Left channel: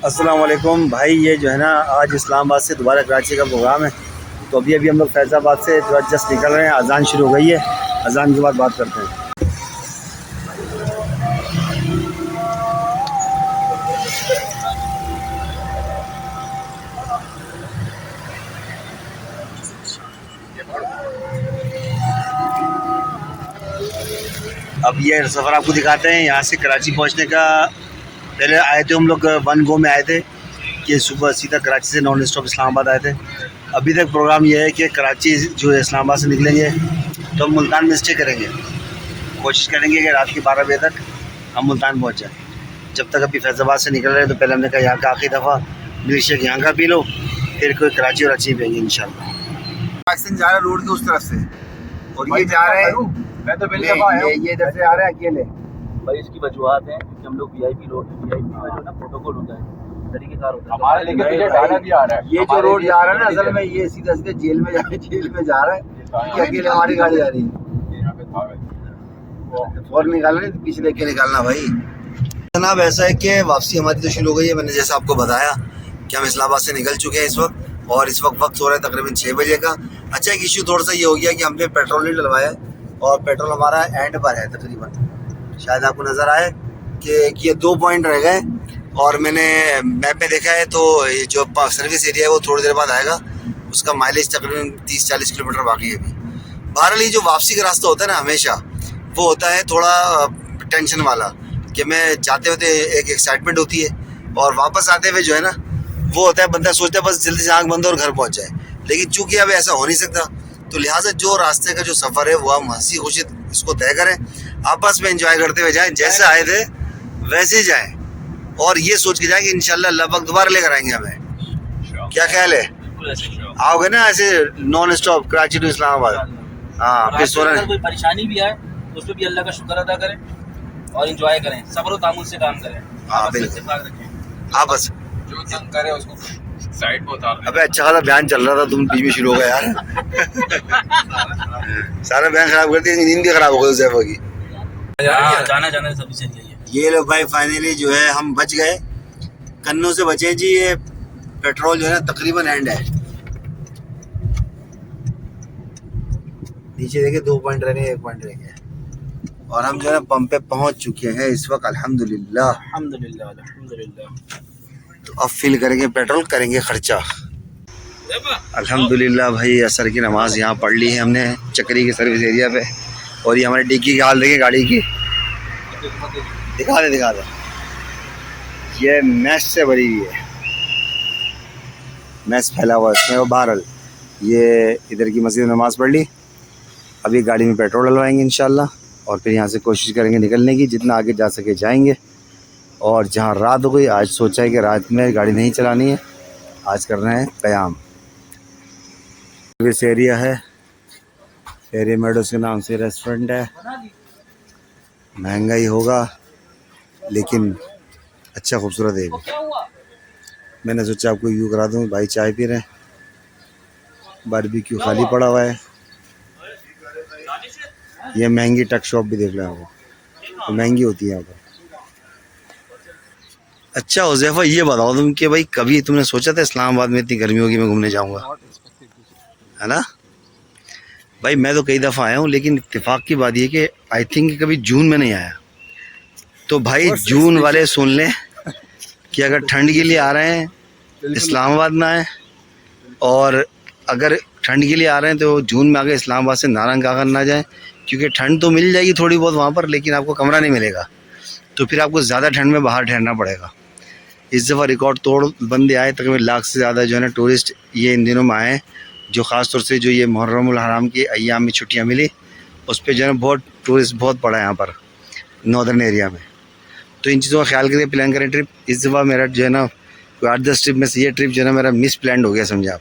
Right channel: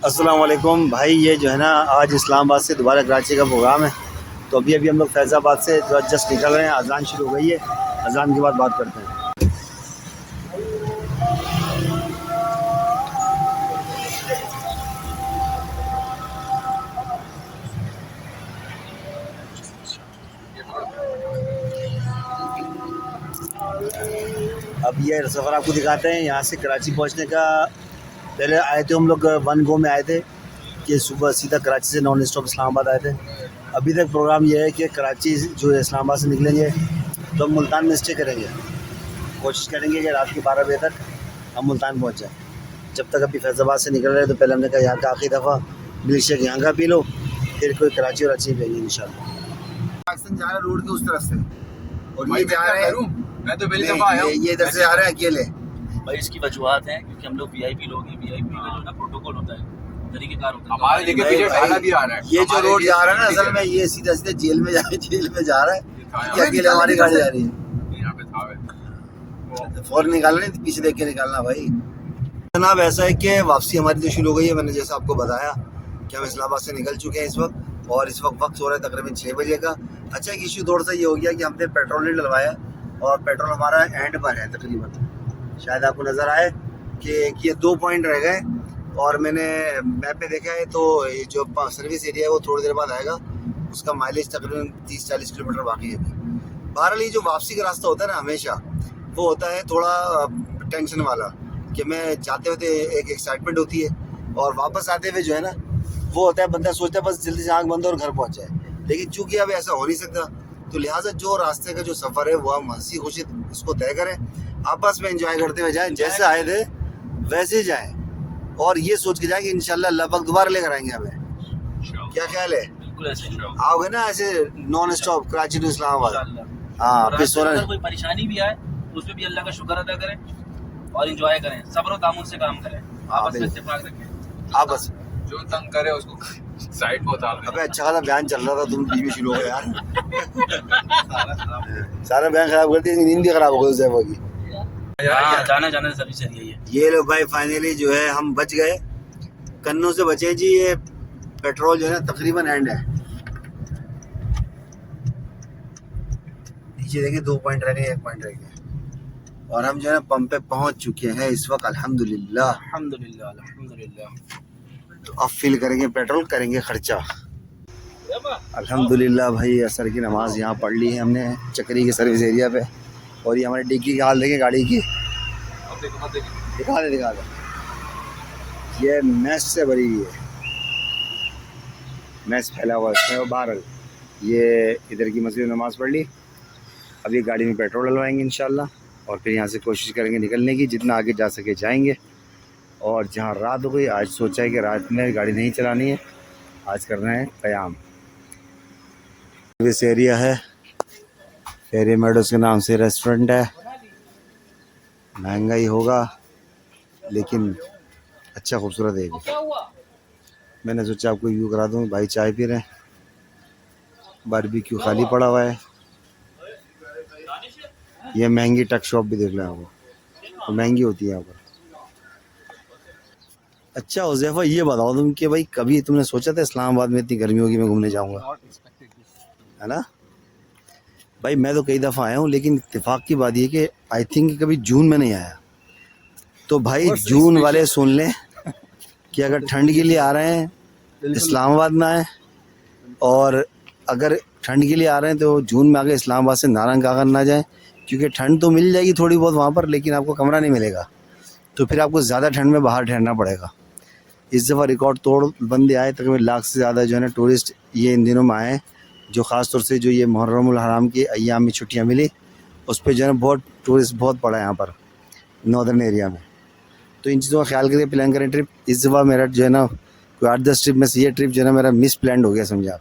अस्सलाम वालेकुम भाई। ये जो है ना, आज इस्लामाबाद से दोबारा कराची का प्रोग्राम है। तो अभी अभी हम लोग फैज़ाबाद से जस्ट निकल रहे हैं। अजान शुरू हो गई है, अजान के बाद बात करते हैं। अब ये सफ़र आपको दिखाते हैं यहाँ से कराची पहुँचने का। पहले आए थे हम लोग वन गो में आए थे कि सुबह सीधा कराची से नॉन स्टॉप इस्लामाबाद आए थे। अभी तक प्रोग्राम ये है कि कराची जो है इस्लामाबाद से निकलेंगे तो हम मुल्तान में स्टे करेंगे। कोशिश करेंगे कि रात के 12 बजे तक हम मुल्तान पहुँच जाए। जब तक अभी फैज़ाबाद से निकल रहे हैं तो पहले हमने कहा यहाँ का आखिरी दफ़ा मिल्क शेक यहाँ का पी लो, फिर कोई कराची और अच्छी पियेंगे इंशाल्लाह। पाकिस्तान जा रहा है रोड के उस तरफ से, और ये जा रहे हैं, मैं तो पहली दफ़ा आया हूँ, ये इधर से आ रहे हैं अकेले। भाई इसकी वजूहत है क्योंकि हम लोग वीआईपी लोग हैं। वीआईपी का जो ना प्रोटोकॉल होता है, तरीकेकार होता है। हमारे लेके पीछे डाला भी आ रहा है। ये जो रोड जा रहा है ना, असल में ये सीधा सीधा जेल में जा रहा है। ये अकेले हमारी गाड़ी जा रही है, यहाँ पे था वो फौरन निकालना नहीं, पीछे देख के निकालना भाई। जनाब ऐसा है कि वापसी हमारी तो शुरू हो गई है। मैंने जैसा आपको बताया कि हम इस्लामाबाद से निकल चुके हैं इस वक्त, और इस वक्त हो रहा है तकरीबन 6 बजे का। अच्छा, एक इशू थोड़ा सा ये हो गया कि हमने पेट्रोल नहीं डलवाया, और पेट्रोल हमारा एंड पर है तकरीबन। शायद आपको नज़र आए कि ये 2 पॉइंट रह गए, और मैंने मैप में देखा है तो ये जो सर्विस एरिया है वो थोड़ी देर बाद आएगा। उसका माइलेज तकरीबन 30-40 किलोमीटर बाकी है अभी। बहरहाल ये जो वापसी का रास्ता होता है ना, हमेशा वो होता है थोड़ा टेंशन वाला, कि मैं जाते हुए एक एक्साइटमेंट होती है, और वापस आते हुए जो है ना वो होता है बंदा सोचता है बस जल्दी से आँख बंद और घर पहुँच जाए। लेकिन चूंकि अब ऐसा हो नहीं सकता, तो लिहाजा जो रास्ते का जो सफ़र है वो हम हंसी खुशी इसको तय करें, आपस में एंजॉय करते हुए जाएं, जैसे आए थे वैसे ही जाएं, और ये सोच के जाएं कि इंशाल्लाह अल्लाह पाक दोबारा लेकर आएंगे हमें। क्या ख्याल है? आओगे ना ऐसे non stop Karachi to Islamabad? हाँ, फिर सोना कोई परेशानी भी आए उस पर भी अल्लाह का शुक्र अदा करें और एंजॉय करें, सब्र और तामुल से काम करें। हाँ बिल्कुल। आप बस जो तंग करे उसको साइड में उतार। अबे अच्छा खासा बयान चल रहा था, तुम बीच में शुरू हो गए यार। सारा बयान खराब कर दिया, नींद भी खराब हो गई उस की। जाना सभी से यही है। ये लोग भाई फाइनली जो है हम बच गए, कन्नों से बचे जी। ये पेट्रोल जो है ना तकरीबन एंड है, नीचे देखिए 2 पॉइंट रह गए, 1 पॉइंट रह गया, और हम जो है ना पंप पे पहुंच चुके हैं इस वक्त अल्हम्दुलिल्लाह। तो अब फिल करेंगे पेट्रोल, करेंगे खर्चा अल्हम्दुलिल्लाह। भाई असर की नमाज यहाँ पढ़ ली है हमने चक्री की सर्विस एरिया पे, और ये हमारी डिक्की की हाल देखिए गाड़ी की, दिखा दे। ये मैस से भरी हुई है, मैस फैला हुआ है इसमें। और बहरहाल ये इधर की मस्जिद में नमाज़ पढ़ ली, अभी गाड़ी में पेट्रोल डलवाएंगे इंशाल्लाह, और फिर यहाँ से कोशिश करेंगे निकलने की, जितना आगे जा सके जाएंगे। और जहाँ रात हो गई, आज सोचा है कि रात में गाड़ी नहीं चलानी है, आज कर रहे हैं क़याम। सर्विस एरिया है, फेरी मेडोस के नाम से रेस्टोरेंट है। महंगा ही होगा लेकिन अच्छा खूबसूरत है। मैंने सोचा आपको व्यू करा दूँ। भाई चाय पी रहे हैं, बारबेक्यू खाली पड़ा हुआ है। ये महंगी टक शॉप भी देख लो आपको, तो महंगी होती है यहाँ पर। अच्छा हुज़ैफा, ये बताओ तुम कि भाई कभी तुमने सोचा था इस्लामाबाद में इतनी गर्मी होगी मैं घूमने जाऊँगा, है ना? भाई मैं तो कई दफ़ा आया हूँ, लेकिन इत्तेफाक की बात ये कि आई थिंक कभी जून में नहीं आया। तो भाई जून वाले सुन लें कि अगर ठंड के लिए आ रहे हैं इस्लामाबाद ना आए, और अगर ठंड के लिए आ रहे हैं तो जून में आके इस्लामाबाद से नारंग कागज ना जाए, क्योंकि ठंड तो मिल जाएगी थोड़ी बहुत वहाँ पर, लेकिन आपको कमरा नहीं मिलेगा, तो फिर आपको ज़्यादा ठंड में बाहर ठहरना पड़ेगा। इस दफ़ा रिकॉर्ड तोड़ बंदे आए, तकरीबन 1 लाख से ज़्यादा जो है ना टूरिस्ट ये इन दिनों में आए, जो ख़ास तौर से जो ये मुहर्रमुल हराम के अय्याम में छुट्टियाँ मिली, उस पर जो है बहुत टूरिस्ट बहुत पड़ा है यहाँ पर नॉर्दर्न एरिया में। तो इन चीज़ों का ख्याल करके प्लान करें ट्रिप। इस दफ़ा मेरा जो है ना 8-10 ट्रिप में से ये ट्रिप जो है ना मेरा मिस प्लान हो गया, समझे आप।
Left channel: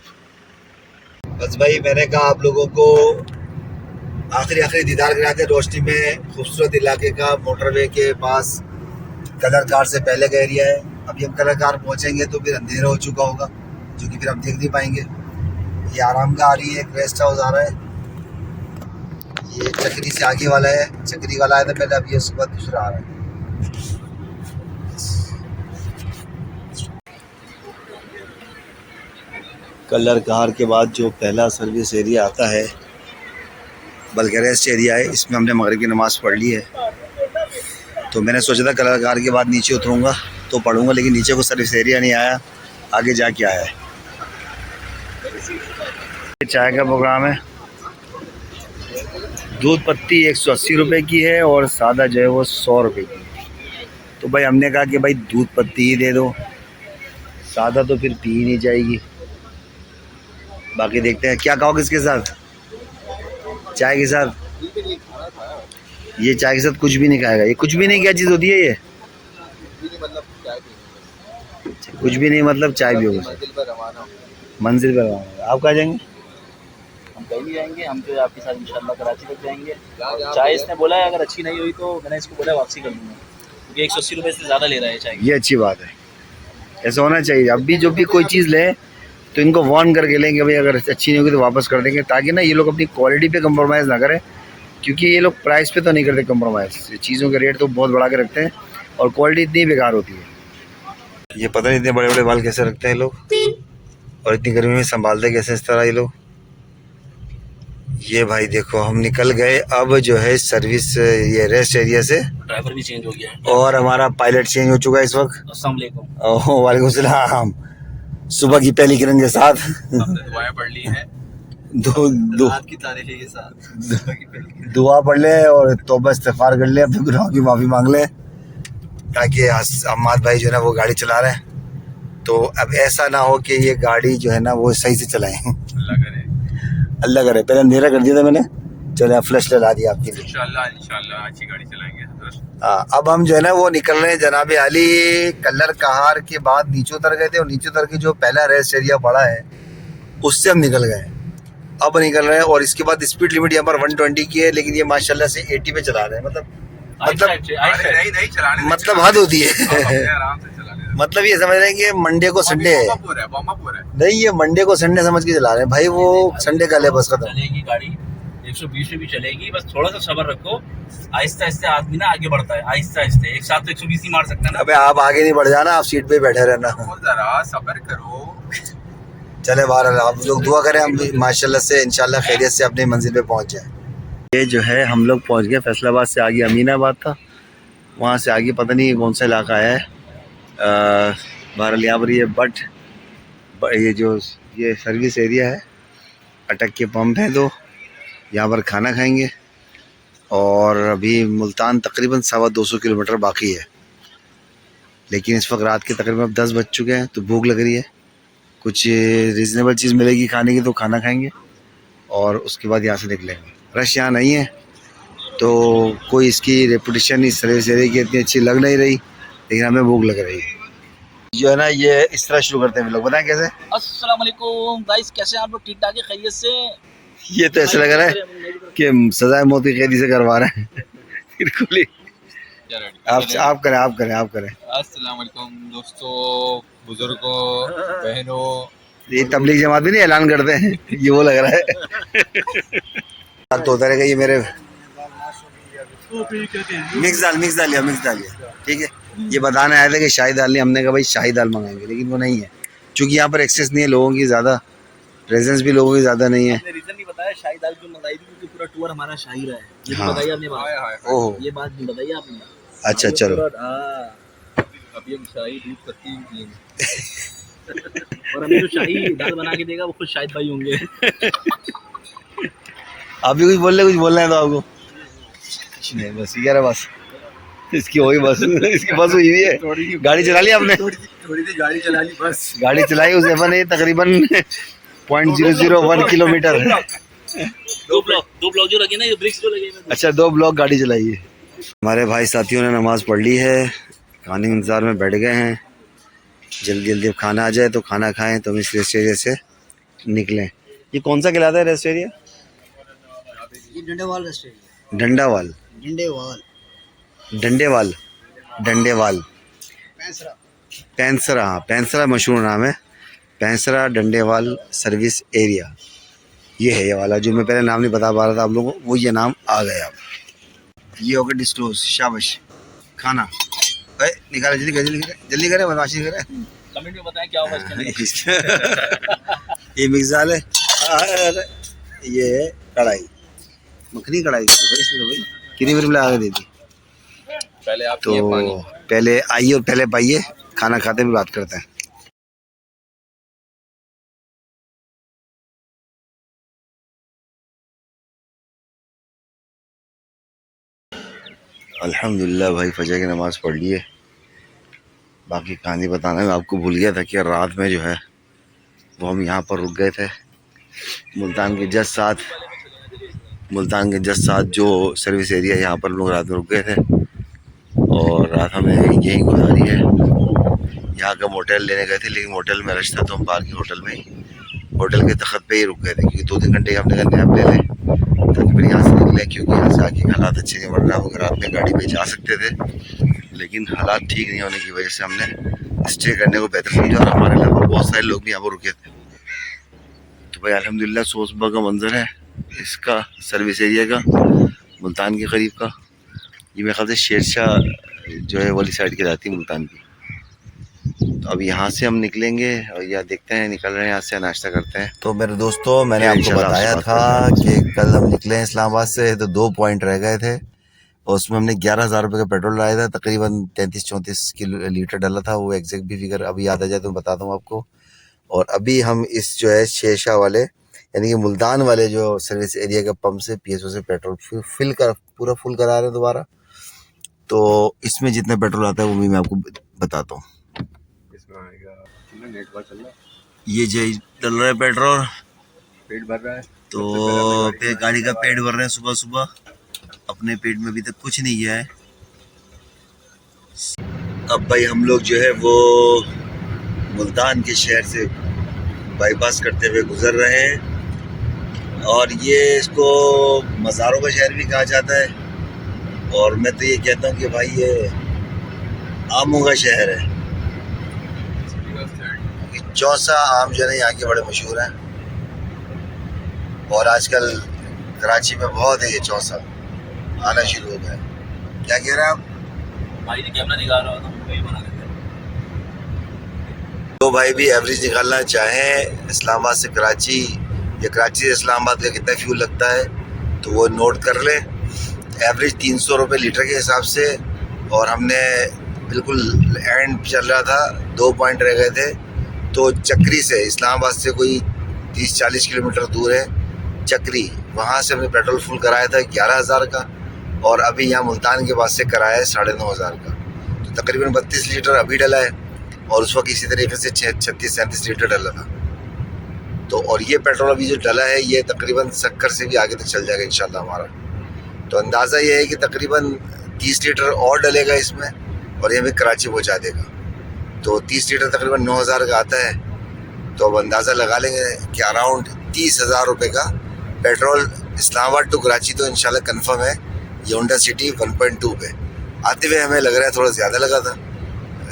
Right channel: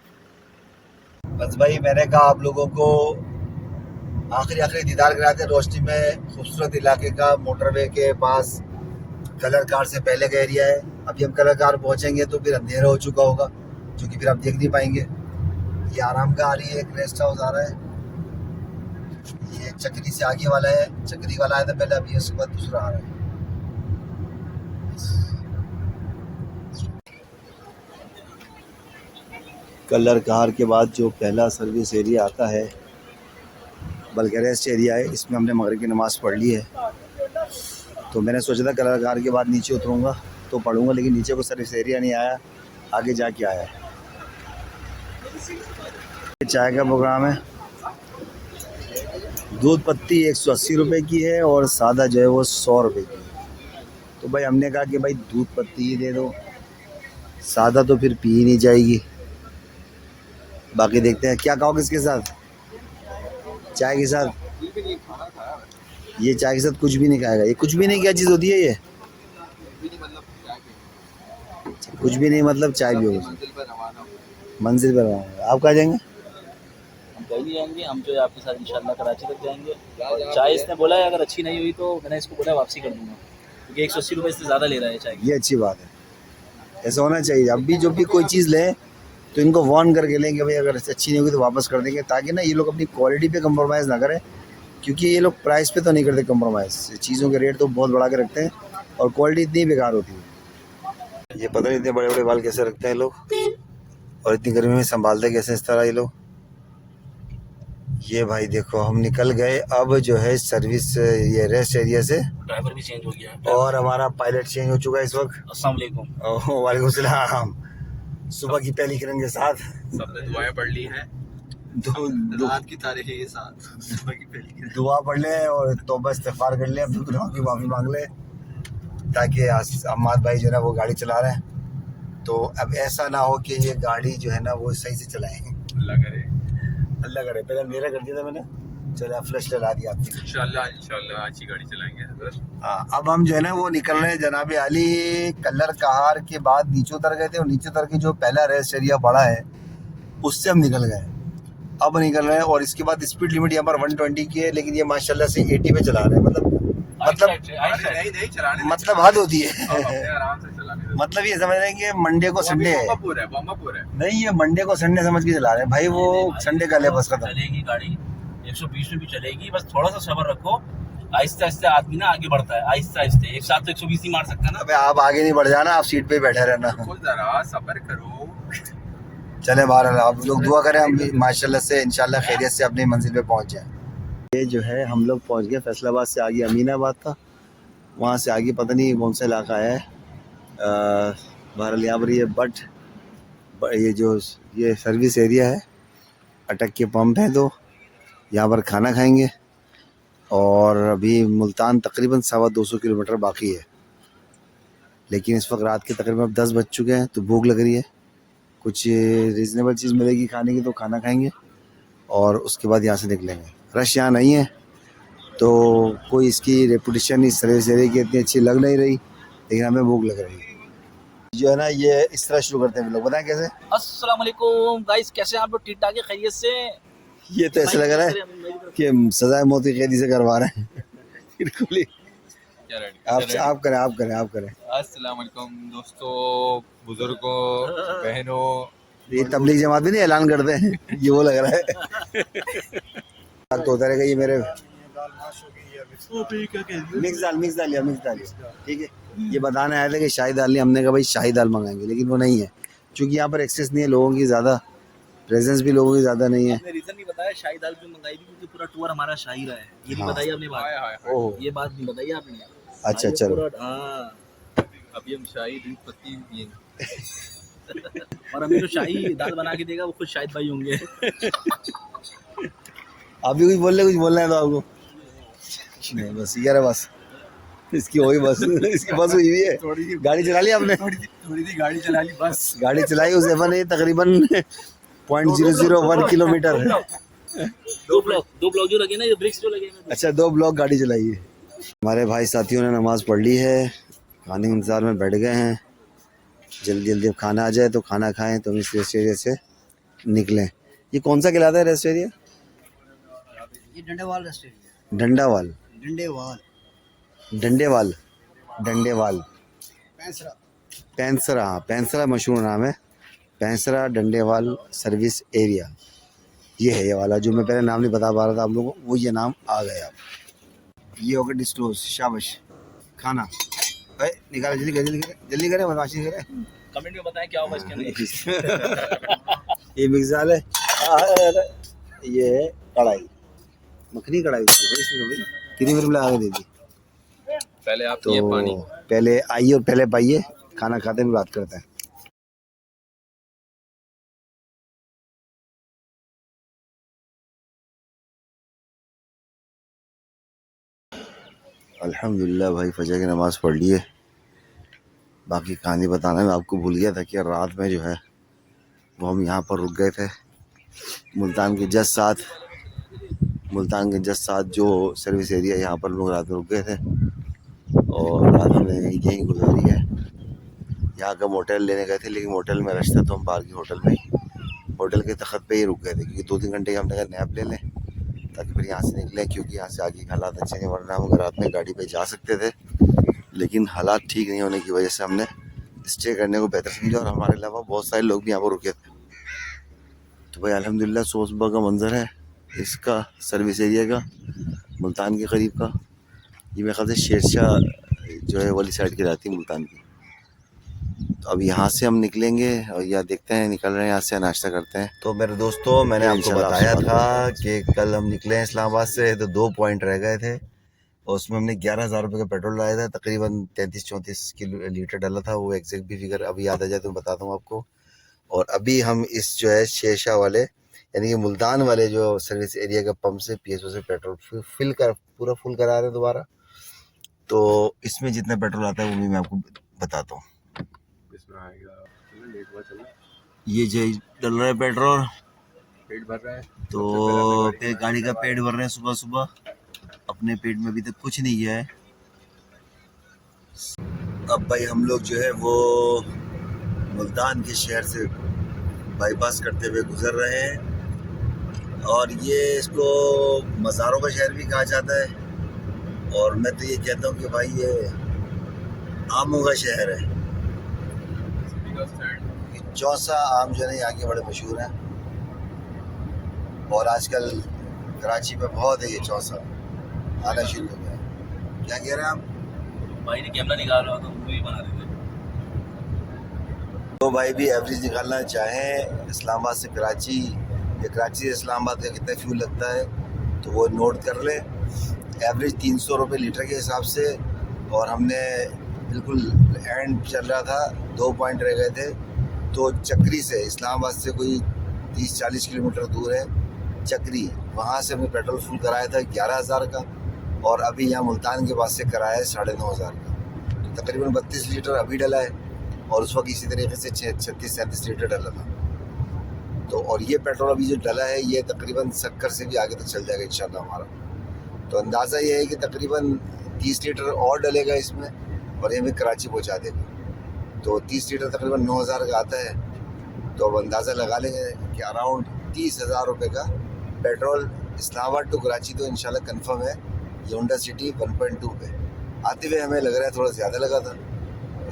बस भाई मैंने कहा आप लोगों को आखिरी दीदार कराते रोशनी में खूबसूरत इलाके का। मोटरवे के पास कलर कार से पहले का एरिया है। अभी हम कलर कार पहुँचेंगे तो फिर अंधेरा हो चुका होगा, जो कि फिर हम देख नहीं पाएंगे। ये आराम का आ रही है, एक रेस्ट हाउस आ रहा है, ये चक्री से आगे वाला है, चक्री वाला आया था पहले, अब ये उसके बाद दूसरा आ रहा है। कलर कार के बाद जो पहला सर्विस एरिया आता है, बल्कि रेस्ट एरिया है, इसमें हमने मगरिब की नमाज़ पढ़ ली है। तो मैंने सोचा था कलर कार के बाद नीचे उतरूँगा तो पढ़ूँगा, लेकिन नीचे को सर्विस एरिया नहीं आया, आगे जाके आया है। चाय का प्रोग्राम है, दूध पत्ती 180 रुपये की है और सादा जो है वो 100 रुपये की। तो भाई हमने कहा कि भाई दूध पत्ती ही दे दो, सादा तो फिर पी ही नहीं जाएगी। बाकी देखते हैं क्या खाओगे इसके साथ, चाय के साथ। ये चाय के साथ कुछ भी नहीं खाएगा, ये कुछ भी नहीं, क्या चीज़ होती है ये? कुछ भी नहीं मतलब चाय भी होगी। मंजिल पर रवाना। आप कहाँ जाएंगे? हम पहले आएंगे, हम जो है आपके साथ इंशाल्लाह कराची तक जाएंगे। चाय इसने बोला है अगर अच्छी नहीं हुई तो मैंने इसको बोला वापसी कर दूँगा, क्योंकि 180 रुपये से ज़्यादा ले रहा है चाय। ये अच्छी बात है, ऐसा होना चाहिए। अब भी जो भी कोई चीज़ लें तो इनको वार्न करके लेंगे भाई, अगर अच्छी नहीं होगी तो वापस कर देंगे, ताकि ना ये लोग अपनी क्वालिटी पे कंप्रोमाइज़ ना करें, क्योंकि ये लोग प्राइस पे तो नहीं करते कंप्रोमाइज़। चीज़ों के रेट तो बहुत बढ़ा के रखते हैं और क्वालिटी इतनी बेकार होती है। ये पता नहीं इतने बड़े बड़े बाल कैसे रखते हैं लोग, और इतनी गर्मी में संभालते कैसे इस तरह ये लोग। ये भाई देखो हम निकल गए अब जो है सर्विस ये रेस्ट एरिया से, ड्राइवर भी चेंज हो गया है और हमारा पायलट चेंज हो चुका है इस वक्त। अस्सलाम वालेकुम। वालेकुम सलाम। सुबह की पहली किरण के साथ सबने दुआएं पढ़ ली हैं। रात की तारीख के साथ दुआ पढ़ ले और तौबा इस्तिग़फ़ार कर ले, अपने गुनाहों की माफ़ी मांग ले, ताकि अम्माद भाई जो है ना वो गाड़ी चला रहे हैं। तो अब ऐसा ना हो कि ये गाड़ी जो है ना वो सही से चलाएं। अल्लाह करे। पहले अंधेरा कर दिया था मैंने, चले फ्लैश लगा दिया आपके लिए। इंशाल्लाह अच्छी गाड़ी चलाएंगे। हाँ, अब हम जो है ना वो निकल रहे हैं जनाब आली। कलर कहार के बाद नीचे उतर गए थे, और नीचे उतर के जो पहला रेस्ट एरिया पड़ा है उससे हम निकल गए। अब निकल रहे हैं, और इसके बाद स्पीड लिमिट यहाँ पर 120 की है, लेकिन ये माशाल्लाह से 80 पे चला रहे हैं। मतलब हद होती है। आराम से चलाने दो। मतलब ये समझ रहे हैं कि मंडे को संडे है, है। नहीं ये मंडे को संडे समझ के चला रहे हैं भाई। वो संडे का ले बस खत्म। चलेगी गाड़ी 120 में भी चलेगी, बस थोड़ा सा सब्र रखो। आहिस्ता आहिस्ता आदमी ना आगे बढ़ता है, आहिस्ता आहिस्ता। एक साथ तो 120 नहीं मार सकता ना। अबे आप आगे नहीं बढ़ जाना, आप सीट पे ही बैठे रहना। जरा सब्र करो। चले बाहर, आप लोग दुआ करें हम माशाल्लाह से इंशाल्लाह खैरियत से अपनी मंजिल पे पहुंच जाए। ये जो है हम लोग पहुंच गए फैसलाबाद से आगे अमीनाबाद था, वहाँ से आगे पता नहीं कौन सा इलाका है। बहरहाल यहाँ पर ये बट ये जो ये सर्विस एरिया है, अटक के पंप है, तो यहाँ पर खाना खाएंगे। और अभी मुल्तान तकरीबन 225 किलोमीटर बाकी है, लेकिन इस वक्त रात के तकरीबन 10 बज चुके हैं, तो भूख लग रही है। कुछ रीज़नेबल चीज़ मिलेगी खाने की तो खाना खाएंगे, और उसके बाद यहाँ से निकलेंगे। रश यहाँ नहीं है, तो कोई इसकी रेपुटेशन इस सर्विस एरिया की इतनी अच्छी लग नहीं रही, लेकिन हमें भूख लग रही है। जो है ना ये इस तरह शुरू करते हैं लोग, बताएं कैसे। अस्सलाम वालेकुम गाइस, कैसे हैं आप लोग? ठीक ठाक है, खैरियत से? ये तो ऐसा लग रहा है कि सजाए मौत की कैदी से करवा रहे हैं। बिल्कुल ही। आप करें। अस्सलाम वालेकुम दोस्तों, बुजुर्गों, बहनों। ये तबलीग जमात भी नहीं ऐलान करते हैं, ये वो लग रहा है। तो उतरेगा ये मेरे मिक्स दाल, ठीक है। ये बताने आए थे कि शाही दाल नहीं, हमने कहा भाई शाही दाल मंगाएंगे, लेकिन वो नहीं है, क्योंकि यहाँ पर एक्सेस नहीं है लोगों की, ज़्यादा प्रेजेंस भी लोगों की ज़्यादा नहीं है। रीजन नहीं बताया शाही दाल क्यों मंगाई थी, क्योंकि पूरा टूर हमारा शाही रहा है। ये हाँ। बताइए आपने बात, ओह ये बात नहीं बताई आपने। अच्छा चलो। अभी हम शाही दूध पत्ती और हमें जो शाही दाल बना के देगा वो खुद शाहिद भाई होंगे। आप भी कुछ बोलना है तो आपको नहीं, बस ये रहा बस। इसकी हुई बस, इसकी बस हुई हुई है। गाड़ी चला ली आपने? थोड़ी सी गाड़ी चला ली बस। गाड़ी चलाई उस एफन ने तकरीबन 0.001 किलोमीटर। दो ब्लॉक जो लगे ना, ये ब्रिक्स जो लगे। अच्छा 2 ब्लॉक गाड़ी चलाई है। हमारे भाई साथियों ने नमाज़ पढ़ ली है, खाने के इंतज़ार में बैठ गए हैं। जल्दी अब खाना आ जाए तो खाना खाएं, तो हम इस रेस्ट एरिया से निकलें। ये कौन सा कहलाता है रेस्ट एरिया? ये डंडेवाल रेस्ट एरिया। डंडावाल, डंडेवाल, पैंसरा मशहूर नाम है। पैंसरा डंडेवाल सर्विस एरिया ये है, ये वाला जो मैं पहले नाम नहीं बता पा रहा था आप लोगों को, वो ये नाम आ गया। ये हो गया डिस्क्लोज। शाबाश। खाना निकाले, जल्दी करें बदमाशी करें। कमेंट में बताएं क्या होगा इसके अंदर। ये मिक्स दाल है, अरे ये है कढ़ाई, मखनी कढ़ाई इसमें भाई कितनी मिनट में लगा के देती। पहले आप तो पिए पानी। पहले आइए और पहले पाइए, खाना खाते भी बात करते हैं। अल्हम्दुलिल्लाह भाई फजर की नमाज़ पढ़ ली है। बाकी कहानी बताना मैं आपको भूल गया था कि रात में जो है वो हम यहाँ पर रुक गए थे मुल्तान के जस्ट साथ जो सर्विस एरिया यहाँ पर लोग रात में रुक गए थे और रात हमने यहीं गुजारी है। यहाँ का मोटेल लेने गए थे लेकिन मोटेल में रश था तो हम बाहर के होटल के तखत पे ही रुक गए थे क्योंकि 2-3 घंटे हमने नैप ले लें ताकि फिर यहाँ से निकलें, क्योंकि यहाँ से आगे हालात अच्छे नहीं बढ़ रहा। हम अगर रात में गाड़ी पे जा सकते थे लेकिन हालात ठीक नहीं होने की वजह से हमने स्टे करने को बेहतर समझा और हमारे अलावा बहुत सारे लोग भी यहाँ पर रुके थे। तो भाई अल्हम्दुलिल्लाह सुबह का मंजर है इसका सर्विस एरिया का मुल्तान के करीब का। ये मेरे ख्याल से शेरशाह जो है वाली साइड की जाती है मुल्तान की। तो अब यहाँ से हम निकलेंगे और या देखते हैं निकल रहे हैं यहाँ से, नाश्ता करते हैं। तो मेरे दोस्तों मैंने आपको बताया था कि कल हम निकले इस्लामाबाद से तो 2 पॉइंट रह गए थे और उसमें हमने 11,000 रुपये का पेट्रोल डाला था, तकरीबन 33-34 लीटर डाला था। वो एग्जैक्ट भी फिगर अभी याद आ जाए तो बता दूँ आपको। और अभी हम इस जो है शेरशाह वाले यानी कि मुल्तान वाले जो सर्विस एरिया के पंप से PSO से पेट्रोल पूरा फुल करा रहे हैं दोबारा। तो इसमें जितना पेट्रोल आता है वो भी मैं आपको बताता हूँ। इसमें आएगा नेट बार चल रहा है, ये जो डल रहा है पेट्रोल, पेट भर रहा है तो फिर गाड़ी का पेट भर रहे हैं सुबह सुबह। अपने पेट में अभी तक कुछ नहीं गया है। अब भाई हम लोग जो है वो मुल्तान के शहर से बाईपास करते हुए गुजर रहे हैं और ये इसको मज़ारों का शहर भी कहा जाता है और मैं तो ये कहता हूँ कि भाई ये आमों का शहर है। चौसा आम जो है यहाँ के बड़े मशहूर हैं और आजकल कराची में बहुत है ये चौसा आना शुरू हो गया। क्या कह रहे हैं आप? भाई ने कैमरा निकाल रहा था तो ये बना देते हैं। तो भाई भी एवरेज निकालना चाहें इस्लामाबाद से कराची या कराची से इस्लामाबाद का कितना फ्यूल लगता है तो वो नोट कर लें। एवरेज 300 रुपये लीटर के हिसाब से और हमने बिल्कुल एंड चल रहा था, 2 पॉइंट रह गए थे। तो चक्री से इस्लामाबाद से कोई 30-40 किलोमीटर दूर है चक्री, वहाँ से हमने पेट्रोल फुल कराया था 11,000 का और अभी यहाँ मुल्तान के पास से कराया है 9,500 का। तो तकरीबन 32 लीटर अभी डला है और उस वक्त इसी तरीके से 36-37 लीटर डला था। तो और ये पेट्रोल अभी जो डला है ये तकरीबन सक्कर से भी आगे तक चल जाएगा इंशाल्लाह हमारा। तो अंदाज़ा ये है कि तकरीबन 30 लीटर और डलेगा इसमें और ये हमें कराची पहुँचा देगा। तो 30 लीटर तकरीबन 9,000 का आता है। तो अब अंदाज़ा लगा लेंगे कि अराउंड 30,000 रुपये का पेट्रोल इस्लामाबाद टू कराची तो इंशाल्लाह कंफर्म है। ये होंडा सिटी 1.2 पे आते हुए हमें लग रहा है थोड़ा ज़्यादा लगा था,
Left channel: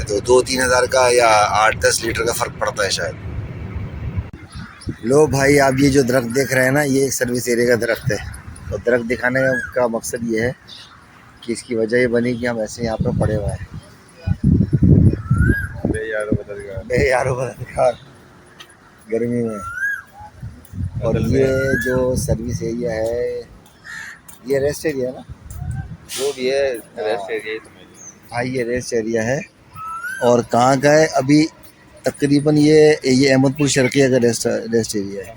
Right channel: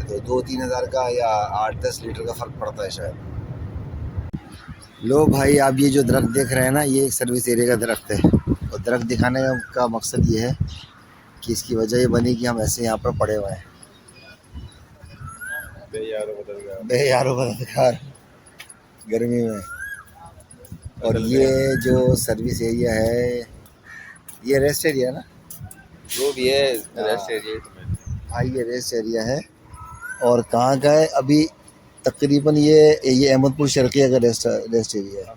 तो 2-3 हज़ार का या 8-10 लीटर का फ़र्क पड़ता है शायद। लो भाई आप ये जो दरख्त देख रहे हैं ना ये एक सर्विस एरिया का दरख्त है और दरख्त दिखाने का मकसद ये है कि इसकी वजह ये बनी कि हम ऐसे यहाँ पर पड़े हुए हैं यारो बदलकार गर्मी में। और ये जो सर्विस एरिया है ये रेस्ट एरिया ना जो भी है रेस्ट एरिया। हाँ ये रेस्ट एरिया है और कहाँ का है अभी तकरीबन ये अहमदपुर शर्किया का रेस्ट एरिया है।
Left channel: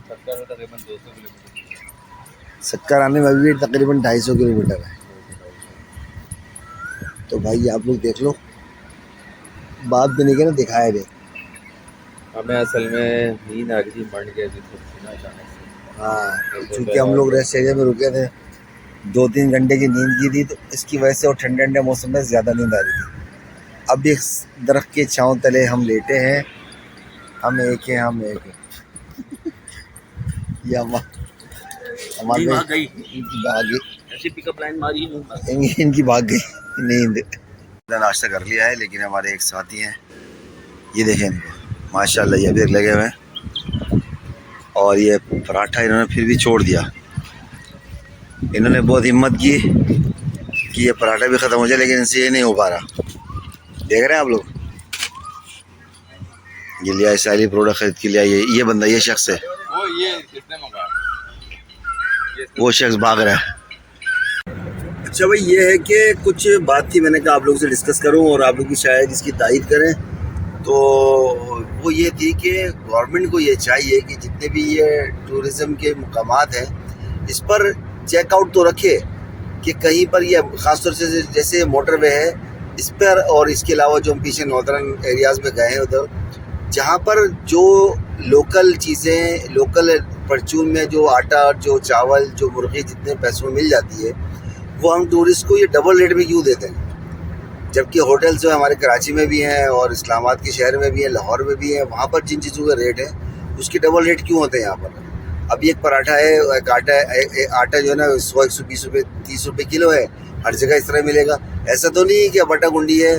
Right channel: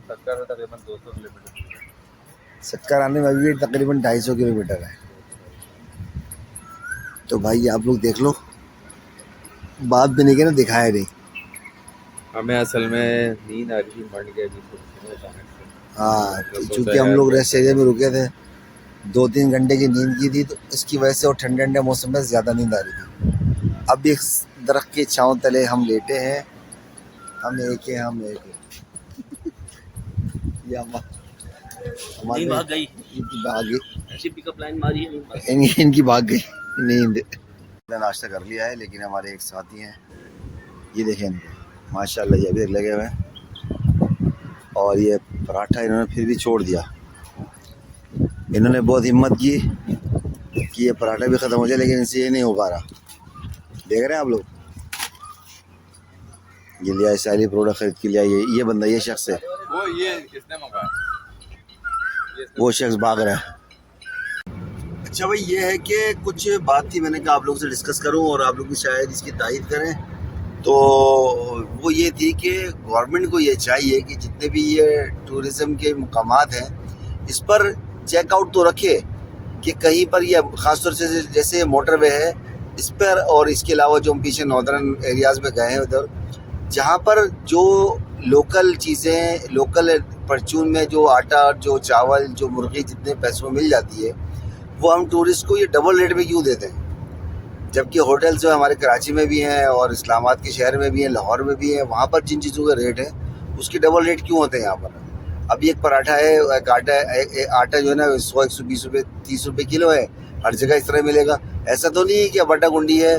सक्कर आने में भी तकरीबन 250 किलोमीटर है। तो भाई आप लोग देख लो, बात भी नहीं की ना, दिखाया नहीं। हमें असल में नींद आ गई बढ़ गई। हाँ चूँकि हम लोग रेस्ट एरिया में रुके थे, 2-3 घंटे की नींद की थी तो इसकी वजह से और ठंडे ठंडे मौसम में ज़्यादा नींद आ रही थी। अब इस दरख्त के छाँव तले हम लेटे हैं, हम एक हैं ये हमारे भाग गई भाग ऐसी पिकअप लाइन मारी है। इनकी भाग गई नींद। नाश्ता कर लिया है लेकिन हमारे एक साथी हैं, ये देखें इनको माशाल्लाह ये अभी लगे हुए हैं और ये पराठा इन्होंने फिर भी छोड़ दिया। इन्होंने बहुत हिम्मत की कि ये पराठा भी ख़त्म हो जाए लेकिन इनसे ये नहीं हो पा रहा। देख रहे हैं आप लोग ये लिया इसराइली प्रोडक्ट खरीद के लिया। ये बंदा, ये शख्स है, वो ये किसने मंगाया? वो शख्स भाग रहा है। अच्छा भाई, ये है कि कुछ बात थी, मैंने कहा आप लोगों से डिस्कस करूं और आप लोग भी शायद इसकी तायीद करें। तो वो ये थी कि गवर्नमेंट को ये चाहिए कि जितने भी ये टूरिज़म के मकामात हैं इस पर चेकआउट तो रखे कि कहीं पर ये ख़ासतौर से जैसे मोटरवे है इस पर, और इसके अलावा जो हम पीछे नॉर्दर्न एरियाज़ में गए हैं उधर, जहाँ पर जो लोकल चीज़ें, लोकल परचून में जो आटा, जो चावल, जो मुर्गी जितने पैसों में मिल जाती है, वो हम टूरिस्ट को ये डबल रेट में क्यों देते हैं? जबकि होटल्स जो हमारे कराची में भी हैं और इस्लामाबाद के शहर में भी हैं, लाहौर में भी हैं, वहाँ पर जिन चीज़ों का रेट है उसके डबल रेट क्यों होते हैं यहाँ पर? अभी एक पराठा है, एक आटा जो है ना 100, 120 रुपये, 30 रुपये किलो है, हर जगह इस तरह मिलेगा। ऐसा तो नहीं है कि बट्टा गुंडी है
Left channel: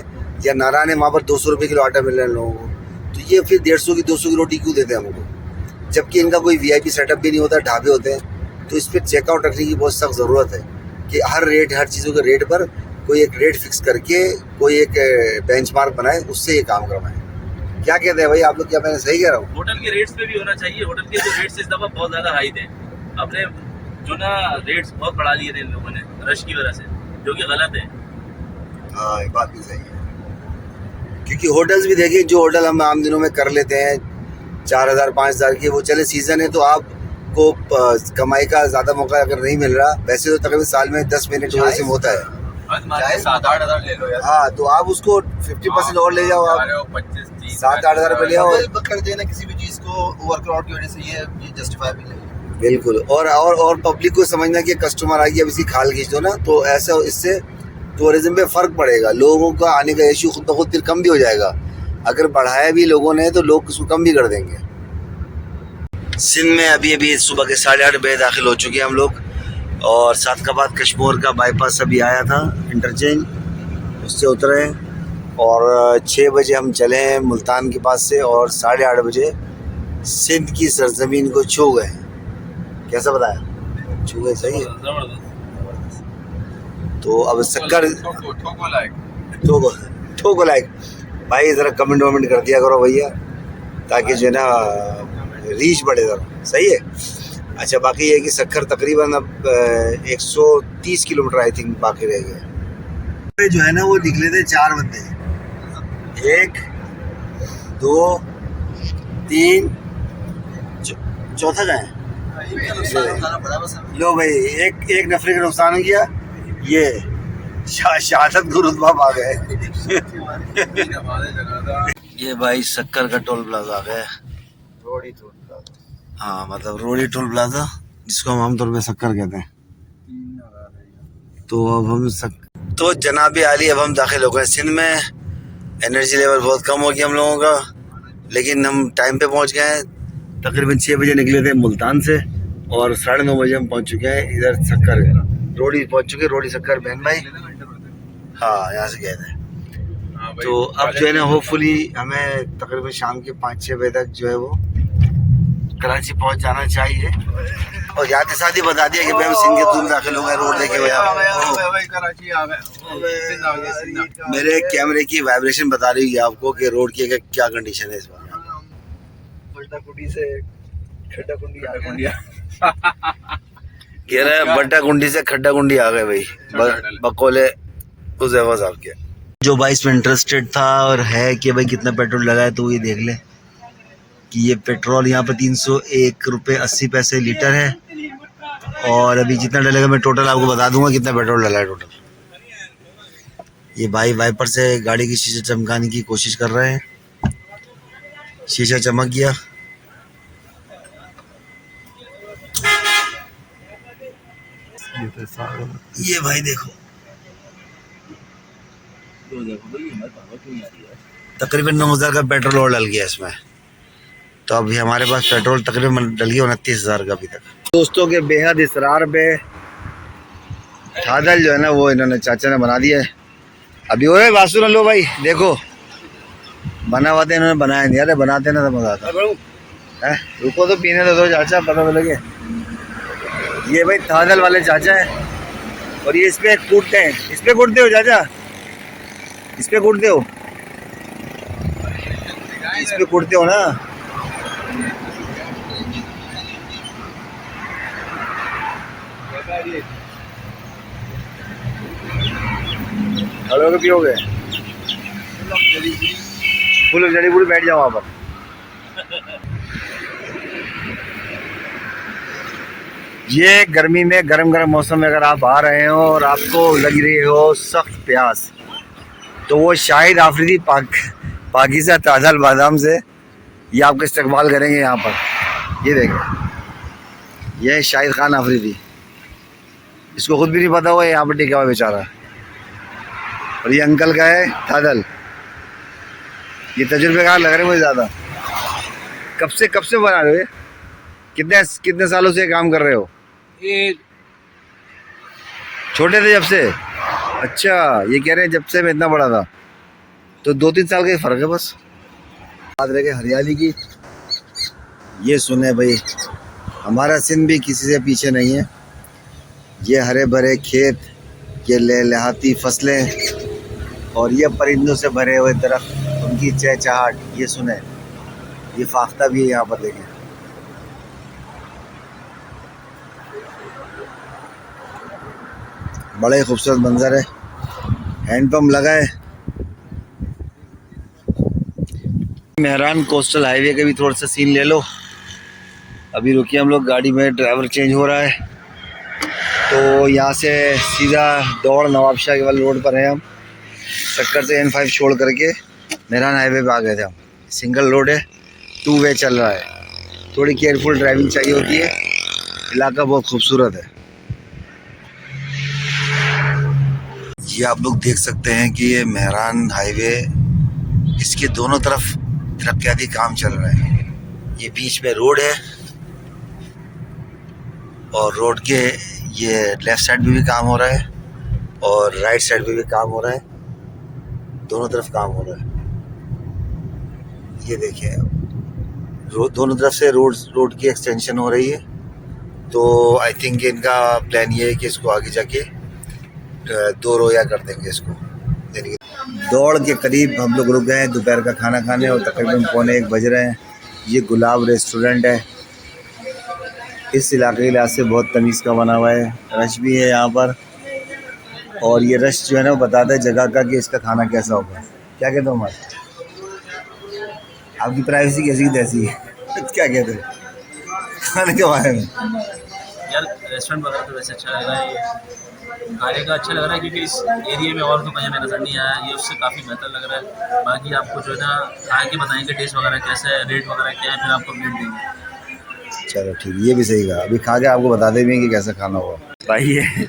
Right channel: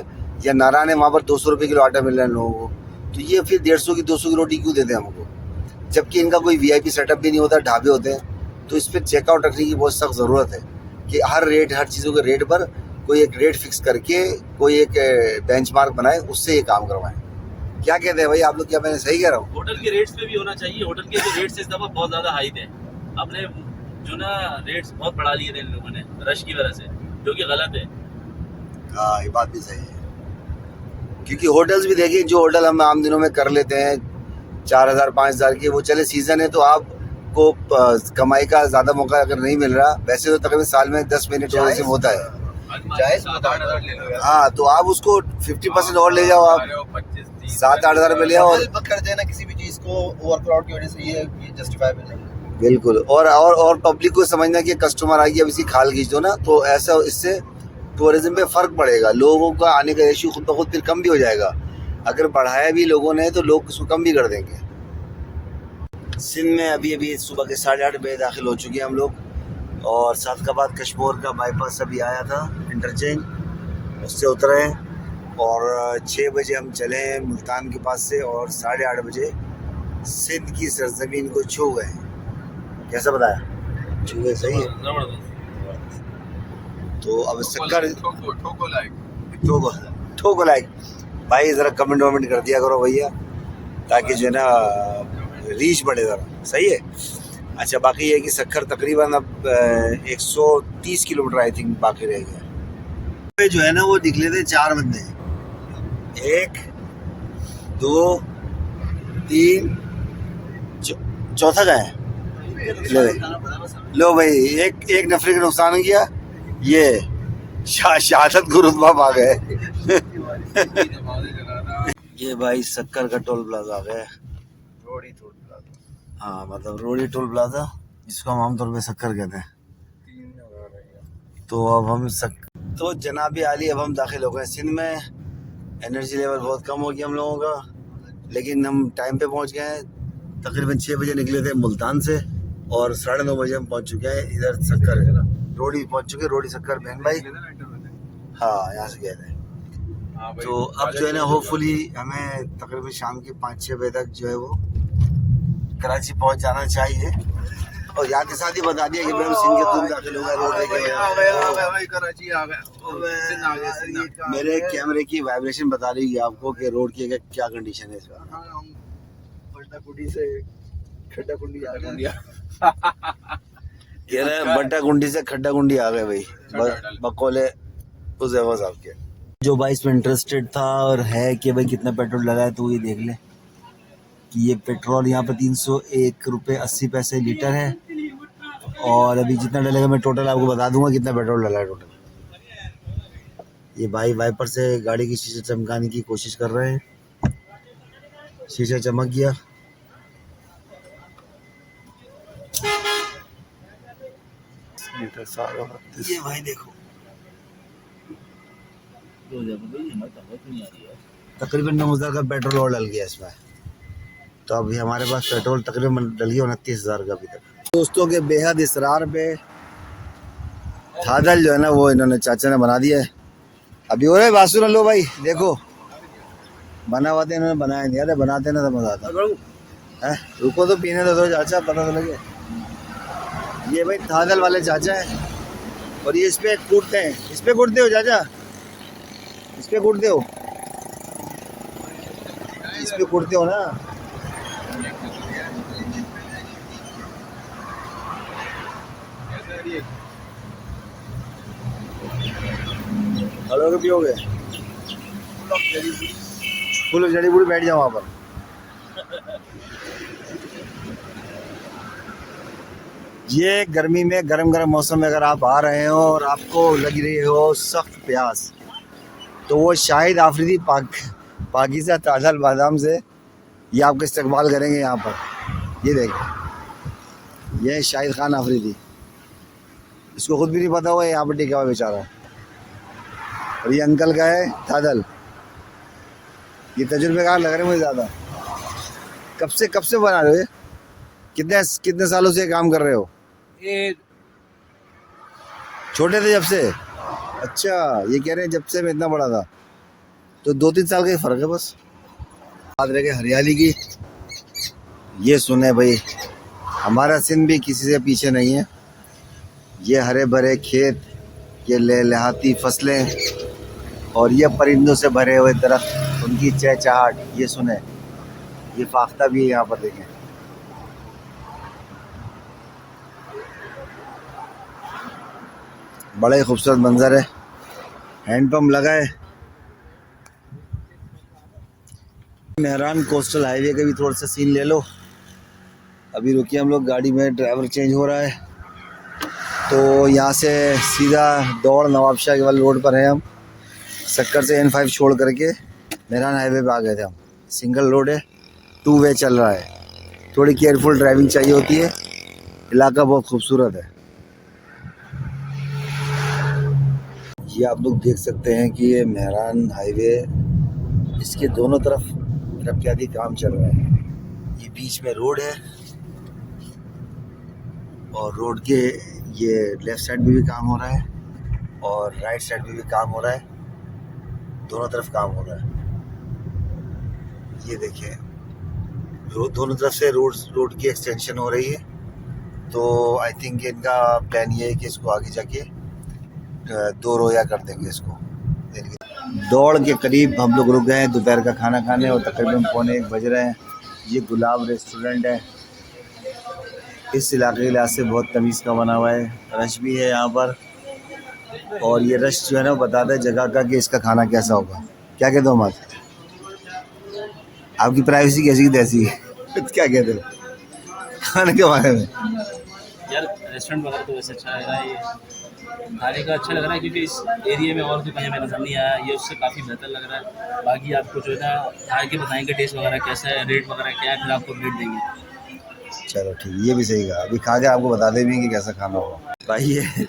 या नारायण है वहाँ पर 200 रुपये किलो आटा मिल रहा है लोगों को, तो ये फिर 150 की 200 की रोटी क्यों देते हैं हमको? जबकि इनका कोई VIP सेटअप भी नहीं होता, ढाबे होते हैं। तो इस पर चेकआउट रखने की बहुत सख्त ज़रूरत है कि हर चीज़ों के रेट पर कोई एक रेट फिक्स करके कोई एक बेंचमार्क बनाए, उससे ये काम करवाएं। क्या कहते हैं भाई आप लोग? क्या मैंने सही कह रहा हूँ? होटल के रेट्स पे भी होना चाहिए। होटल के जो रेट्स इस दफ़ा बहुत ज़्यादा हाई थे, अपने जो ना रेट्स बहुत बढ़ा लिए थे इन लोगों ने रश की वजह से, जो कि गलत है। हाँ, ये बात भी सही है, क्योंकि होटल्स भी देखिए, जो होटल हम आम दिनों में कर लेते हैं 4000 5000 की, वो चले सीज़न है तो आपको कमाई का ज़्यादा मौका अगर नहीं मिल रहा, वैसे तो तकरीबन साल में 10 महीने टूरिज्म होता है, 7-8 हज़ार ले लो यार। हाँ, तो आप उसको 50% और ले जाओ, आप 7-8 हज़ार में ले आओ कर देना किसी भी चीज को ओवरक्राउड की वजह से, ये जस्टिफाइबल नहीं है। बिल्कुल। और पब्लिक को समझना कि कस्टमर आ गया, अब इसी खाल खींच दो ना, तो ऐसा इससे टूरिज्म पे फ़र्क पड़ेगा, लोगों का आने का रेशियो खुद ब खुद फिर कम भी हो जाएगा। अगर बढ़ाया भी लोगों ने तो लोग उसको कम भी कर देंगे। सिंध में अभी सुबह के 8:30 बजे दाखिल हो चुके हैं हम लोग, और सादकाबाद कश्मोर का बाईपास अभी आया था इंटरचेंज, उससे उतरे हैं और 6 बजे हम चले हैं मुल्तान के पास से, और 8:30 बजे सिंध की सरजमीन को छू गए। कैसा बताया? छू गए, सही है। तो अब शक्कर ठोको लाइक भाई, ज़रा कमेंट वमेंट कर दिया करो भैया, ताकि जो है ना रीच बढ़े ज़रा, सही है। अच्छा, बाकी ये है कि शक्कर तकरीबन अब 130 किलोमीटर आई थिंक बाकी रह गए। जो है ना वो निकले थे 4 बंदे, 1 2 3 चौथा का है। लो भाई, एक नफरे का नुकसान किया, ये शहादत को रुतबा पा गए। ये भाई शक्कर का टोल प्लाजा आ गया, रोडी टोल प्लाजा। हाँ, मतलब रोडी टोल प्लाजा, जिसको हम आमतौर पे शक्कर कहते हैं। तो अब हम तो जनाब आली, अब हम दाखिल हो गए सिंध में। एनर्जी लेवल बहुत कम हो गया हम लोगों का, लेकिन हम टाइम पे पहुंच गए हैं। तकरीबन 6 बजे निकले थे मुल्तान से, और 9:30 बजे हम पहुंच चुके हैं इधर शक्कर रोडी पहुंच चुके, रोडी शक्कर बहन माई। हाँ, यहाँ से गए थे। तो अब जो है ना होपफुली हमें तकरीबन शाम के 5-6 बजे तक जो है वो कराची पहुंच जाना चाहिए। और याद के साथ ही बता दिया कि भाई हम सिंध के तुम दाखिल हो गए, रोड देखे हुए। मेरे कैमरे की वाइब्रेशन बता रही है आपको कि रोड की क्या कंडीशन है इस बार। कह रहे हैं बट्टा कुंडी से खड्डा कुंडी आ गए भाई, बकौले हुज़ैफा साहब के। जो भाई इसमें इंटरेस्टेड था और है कि भाई कितना पेट्रोल लगा है, तो ये देख ले कि ये पेट्रोल यहाँ पर 301 रुपये 80 पैसे लीटर है, और अभी जितना डलेगा मैं टोटल आपको बता दूंगा कितना पेट्रोल डला है टोटल। ये भाई वाइपर से गाड़ी की शीशे चमकाने की कोशिश कर रहे हैं, शीशा चमक गया। ये भाई देखो, तकरीबन 9,000 का पेट्रोल और डल गया इसमें। तो अभी हमारे पास पेट्रोल तकरीबन डल गया 29,000 का अभी तक। दोस्तों के बेहद इसरार पे थादल जो है ना वो इन्होंने चाचा ने बना दिया है। अभी हो रहा है बासु, लो भाई देखो बना हुआ था, इन्होंने बनाया नहीं। अरे बनाते ना तो मजा आता है। रुको तो पीने दो चाचा, पता तो लगे। ये भाई थादल वाले चाचा है, और ये इस पे कूटते हैं। इस पे कूटते हो चाचा, इस पे कूटते हो। इस पे कुड़ते हो ना। हेलो पियोगे फुल जड़ी बूटी बैठ जाओ वहाँ पर। ये गर्मी में गरम गरम मौसम में अगर आप आ रहे हो और आपको लग रही हो सख्त प्यास, तो वो शाहिद आफरीदी पाकिज़ा ताज़ा बादाम से ये आपका इस्तेमाल करेंगे यहाँ पर। ये देखें, ये शाहिद खान आफरीदी, इसको खुद भी नहीं पता हुआ यहाँ पर टिका हुआ बेचारा। और ये अंकल का है तादल। ये तजुर्बेकार लग रहे मुझे ज़्यादा। कब से बना रहे? कितने सालों से काम कर रहे हो? ये छोटे थे जब से? अच्छा, ये कह रहे हैं जब से मैं इतना बड़ा था, तो 2-3 साल का ही फ़र्क है बस। बात रह गई हरियाली की। ये सुने भाई, हमारा सिंध भी किसी से पीछे नहीं है। ये हरे भरे खेत, ये लहलहाती फसलें और ये परिंदों से भरे हुए दरख्त, उनकी चहचहाट ये सुने। ये फाख्ता भी है यहाँ पर, देखें। बड़ा ही खूबसूरत मंजर है। हैंडपम्प लगा है। मेहरान कोस्टल हाईवे के भी थोड़ा सा सीन ले लो। अभी रुकिए, हम लोग गाड़ी में, ड्राइवर चेंज हो रहा है, तो यहाँ से सीधा दौड़ नवाबशाह के वाले रोड पर है। हम सक्कर से N5 छोड़ करके मेहरान हाईवे पे आ गए थे हम। सिंगल रोड है, 2 वे चल रहा है। थोड़ी केयरफुल ड्राइविंग चाहिए होती है। इलाका बहुत खूबसूरत है। ये आप लोग देख सकते हैं कि ये मेहरान हाईवे, इसके दोनों तरफ तरक्याती काम चल रहा है। ये बीच में रोड है और रोड के ये लेफ़्ट साइड में भी काम हो रहा है और राइट साइड में भी काम हो रहा है। दोनों तरफ काम हो रहा है। ये देखिए, दोनों तरफ से रोड की एक्सटेंशन हो रही है। तो आई थिंक इनका प्लान ये है कि इसको आगे जाके 2 रोया कर देंगे इसको। दौड़ के करीब हम लोग रुक गए हैं दोपहर का खाना खाने और तकरीबन 12:45 बज रहे हैं। ये गुलाब रेस्टोरेंट है। इस इलाके के लिहाज से बहुत तमीज़ का बना हुआ है। रश भी है यहाँ पर, और ये रश जो है ना वो बताता है जगह का कि इसका खाना कैसा होगा। क्या कहते हो हमारे, आपकी प्राइवेसी कैसी की तैसी है? क्या कहते हो खाने के बारे में? यार रेस्टोरेंट वगैरह तो वैसे अच्छा लग रहा है। ये खाने का अच्छा लग रहा है क्योंकि इस एरिया में और तो कहीं हमें नज़र नहीं आया। ये उससे काफ़ी बेहतर लग रहा है। बाकी आपको जो है ना खा के बताएंगे टेस्ट वगैरह कैसा है, रेट वगैरह क्या है, फिर आपको अपडेट देंगे। चलो ठीक, ये भी सही कहा। अभी खा के आपको बता देंगे कि कैसा खाना होगा। भाई ये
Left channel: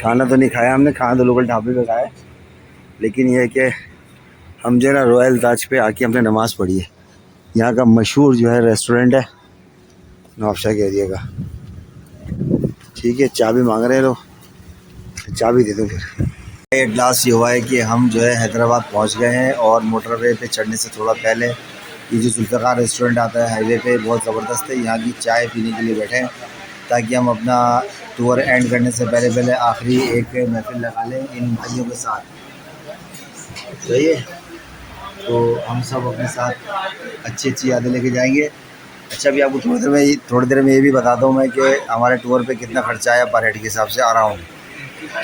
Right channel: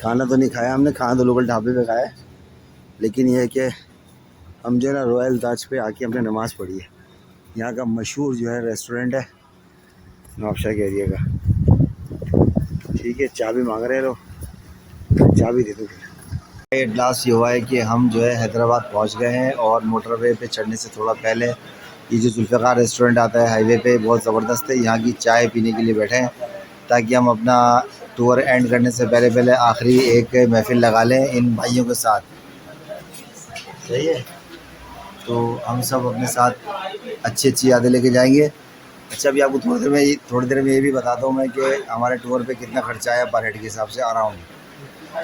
खाना तो नहीं खाया हमने, खाना तो लोकल ढाबे में खाया, लेकिन यह है कि हम जो है ना रॉयल ताज पे आके हमने नमाज़ पढ़ी है। यहाँ का मशहूर जो है रेस्टोरेंट है नवाबशाह के एरिया का। ठीक है, चाबी मांग रहे हैं लोग, चाबी दे दो फिर। एट लास्ट ये हुआ है कि हम जो है हैदराबाद पहुँच गए हैं और मोटरवे पे चढ़ने से थोड़ा पहले ये जो जुल्फ़िकार रेस्टोरेंट आता है हाईवे पे, बहुत ज़बरदस्त है। यहाँ की चाय पीने के लिए बैठे हैं ताकि हम अपना टूर एंड करने से पहले आखिरी एक महफ़िल लगा लें इन भाइयों के साथ। सही है, तो हम सब अपने साथ अच्छी यादें लेके जाएंगे। अच्छा, अभी आपको थोड़ी देर में ये भी बताता हूँ मैं कि हमारे टूर पे कितना खर्चा आया पर हेड के हिसाब से आ रहा हूँ।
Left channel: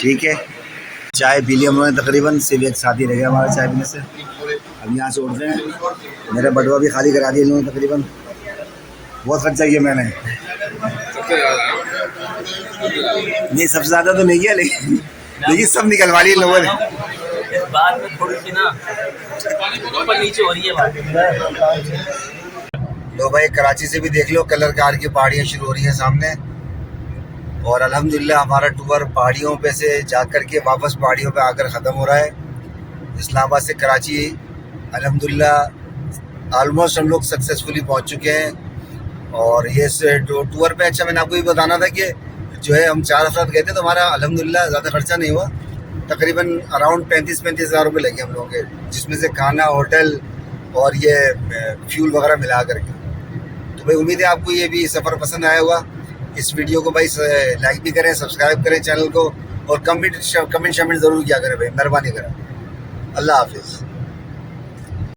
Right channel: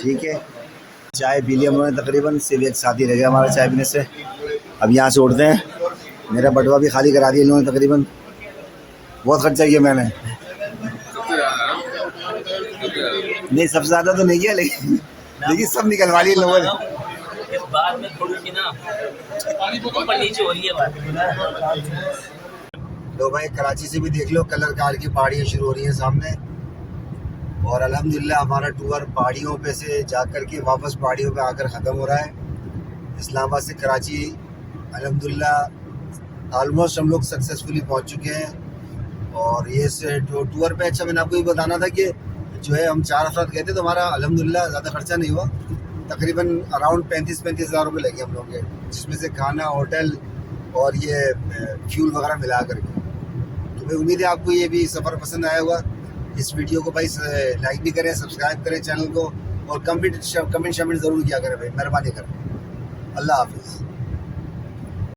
ठीक है, चाय पी ली हम लोगों ने, तकरीबन सिर्फ एक साथी रह गया हमारा चाय पीने से। अब यहाँ से उठते हैं। मेरा बटवा भी खाली करा दी इन लोगों ने तकरीबन। बहुत खर्चा किया मैंने। नहीं, सबसे ज़्यादा तो नहीं किया, लेकिन सब निकलवा लिया इन लोगों ने। बाद में थोड़ी सी ना ऊपर नीचे हो रही है बात। लो भाई, कराची से भी देख लो, कलर कार की पहाड़ियाँ शुरू हो रही हैं सामने। और अल्हम्दुलिल्लाह हमारा टूर पहाड़ियों पे से जा कर के वापस पहाड़ियों पे आकर ख़त्म हो रहा है। इस्लामाबाद से कराची अल्हम्दुलिल्लाह ऑलमोस्ट हम लोग सक्सेसफुली पहुंच चुके हैं। और ये टूर पे, अच्छा मैंने आपको ये बताना था कि जो है हम 4 अफराद गए थे, तो हमारा अल्हम्दुलिल्लाह ज़्यादा खर्चा नहीं हुआ। तकरीबन अराउंड 35 हज़ार रुपये लगे हम लोगों के, जिसमें से खाना, होटल और ये फ्यूल वगैरह मिला करके। तो भाई उम्मीद है आपको ये भी सफ़र पसंद आया होगा। इस वीडियो को भाई लाइक भी करें, सब्सक्राइब करें चैनल को, और कमेंट ज़रूर किया करें भाई, मेहरबानी करें। अल्लाह हाफिज़।